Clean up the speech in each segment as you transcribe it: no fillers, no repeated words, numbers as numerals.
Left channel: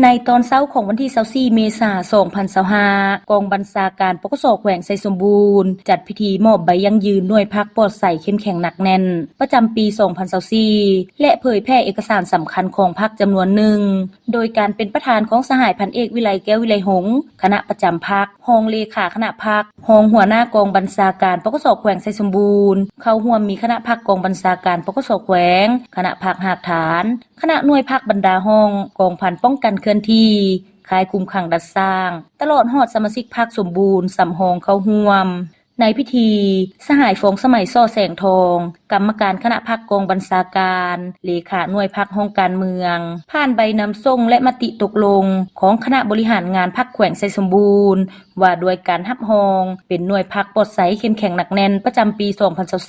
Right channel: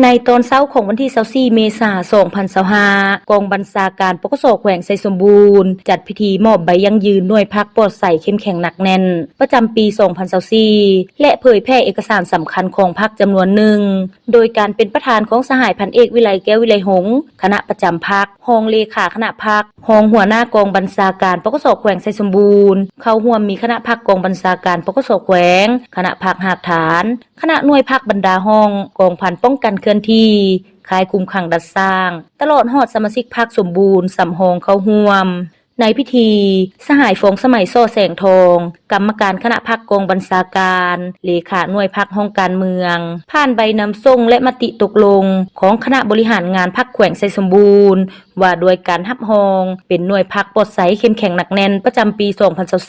ในตอนเช้าของวันที่24เมษายน2025กองบัญชาการปกสแขวงไซสมบูรณ์จัดพิธีมอบใบยั่งยืนหน่วยพักปลอดใสเข้มแข็งหนักแน่นประจำปี2024และเผยแพร่เอกสารสำคัญของพักจำนวนหนึ่งโดยการเป็นประธานของสหายพันเอกวิไลแก้ววิไลหงษ์คณะประจำพักรองเลขาคณะพักรองหัวหน้ากองบัญชาการปกสแขวงไซสมบูรณ์เข้าร่วมมีคณะพักกองบัญชาการปกสแขวงคณะพักหากฐานคณะหน่วยพักบรรดาห้องกองพันป้องกันเคลื่อนที่ค่ายคุมขังดัดสร้างตลอดฮอดสมาชิกพรรคสมบูรณ์สำหองเข้าร่วมในพิธีสหายฟงสมัยซ่อแสงทองกรรมการคณะพรรคกองบัญชาการเลขาหน่วยพรรคห้องการเมืองผ่านใบนำส่งและมติตกลงของคณะบริหารงานพรรคแขวงไซสมบูรณ์ว่าโดยการรับรองเป็นหน่วยพรรคปลอดใสเข้มแข็งหนักแน่นประจำปี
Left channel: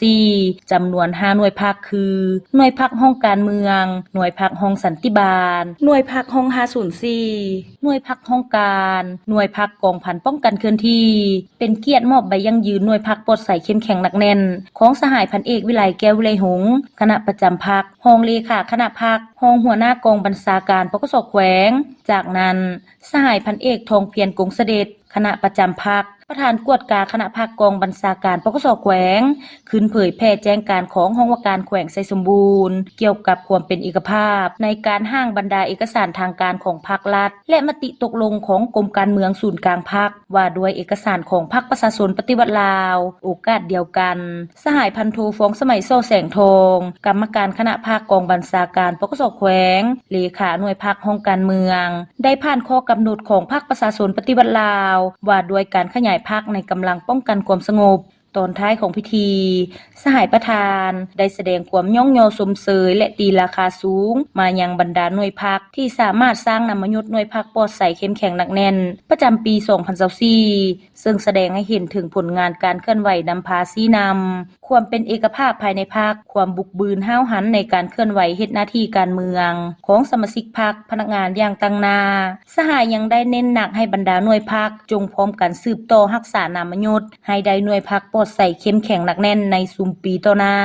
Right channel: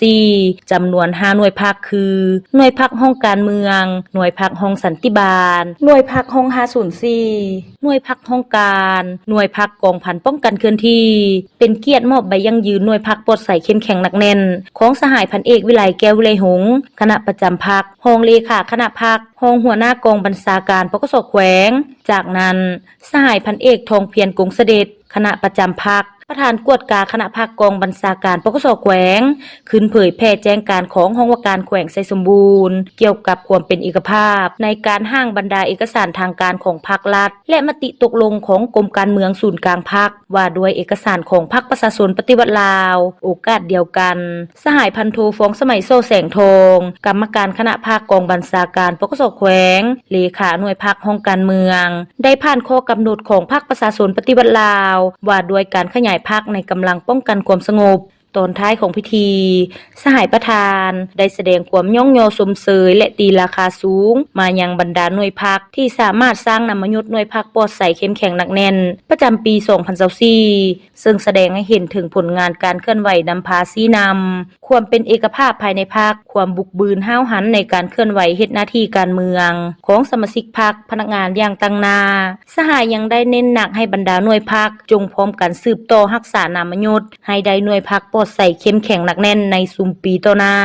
2024จำนวน5หน่วยพรรคคือหน่วยพรรคห้องการเมืองหน่วยพรรคห้องสันติบาลหน่วยพรรคห้อง504หน่วยพรรคห้องการหน่วยพรรคกองพันป้องกันเคลื่อนที่เป็นเกียรติมอบใบยั่งยืนหน่วยพรรคปลอดใสเข้มแข็งหนักแน่นของสหายพันเอกวิไลแก้ววิไลหงษ์คณะประจำพรรครองเลขาคณะพรรครองหัวหน้ากองบัญชาการปกสแขวงจากนั้นสหายพันเอกทองเพียรกงเสด็จคณะประจำพรรคประธานกวดกาคณะพรรคกองบัญชาการปกสแขวงขึ้นเผยแพร่แจ้งการของห้องว่าการแขวงไซสมบูรณ์เกี่ยวกับความเป็นเอกภาพในการห้างบรรดาเอกสารทางการของพรรครัฐและมติตกลงของกรมการเมืองศูนย์กลางพรรคว่าด้วยเอกสารของพรรคประชาชนปฏิวัติลาวโอกาสเดียวกันสหายพันโทฟองสมัยโซ่แสงทองกรรมการคณะพรรคกองบัญชาการปกสแขวงเลขาหน่วยพรรคห้องการเมืองได้ผ่านข้อกำหนดของพรรคประชาชนปฏิวัติลาวว่าด้วยการขยายพรรคในกำลังป้องกันความสงบตอนท้ายของพิธีสหายประธานได้แสดงความย่องยอสมเสยและตีราคาสูงมายังบรรดาหน่วยพรรคที่สามารถสร้างนำมยุทธ์หน่วยพรรคปลอดใสเข้มแข็งหนักแน่นประจำปี2024ซึ่งแสดงให้เห็นถึงผลงานการเคลื่อนไหวนำพาชี้นำความเป็นเอกภาพภายในพรรคความบุกบืนห้าวหันในการเคลื่อนไหวเฮ็ดหน้าที่การเมืองของสมาชิกพรรคพนักงานอย่างตั้งหน้าสหายยังได้เน้นหนักให้บรรดาหน่วยพรรคจงพร้อมกันสืบต่อรักษานามยุทธ์ให้ได้หน่วยพรรคปลอดใสเข้มแข็งหนักแน่นในซุมปีต่อหน้า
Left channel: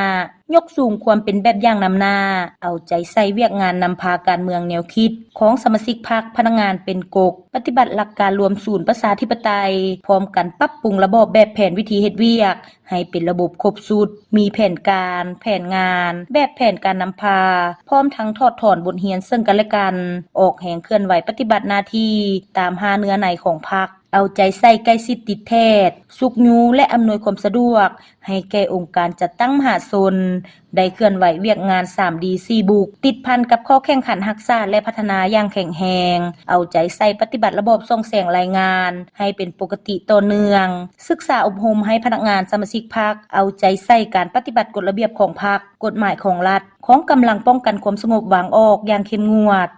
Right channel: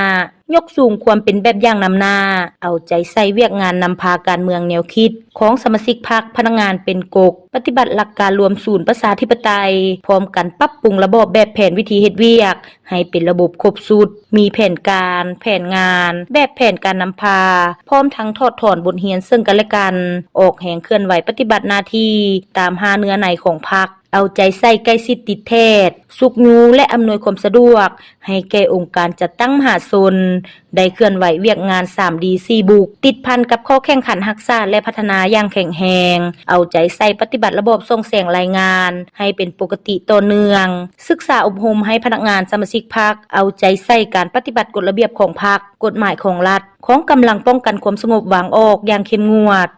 ยกสูงความเป็นแบบอย่างนำหน้าเอาใจใส่เวียกงานนำพาการเมืองแนวคิดของสมาชิกพรรคพนักงานเป็นกกปฏิบัติหลักการรวมศูนย์ประชาธิปไตยพร้อมกันปรับปรุงระบบแบบแผนวิธีเฮ็ดเวียกให้เป็นระบบครบสูตรมีแผนการแผนงานแบบแผนการนำพาพร้อมทั้งถอดถอนบทเรียนซึ่งกันและกันออกแห่งเคลื่อนไหวปฏิบัติหน้าที่ตาม5เนื้อในของพรรคเอาใจใส่ใกล้ชิดติดแพทย์สุขยูและอำนวยความสะดวกให้แก่องค์การจัดตั้งมหาชนได้เคลื่อนไหวเวียกงาน 3D 4บุกติดพันกับข้อแข่งขันรักษาและพัฒนาอย่างแข็งแรงเอาใจใส่ปฏิบัติระบบส่งแสงรายงานให้เป็นปกติต่อเนื่องศึกษาอบรมให้พนักงานสมาชิกพรรคเอาใจใส่การปฏิบัติกฎระเบียบของพรรคกฎหมายของรัฐของกำลังป้องกันความสงบวางออกอย่างเข้มงวด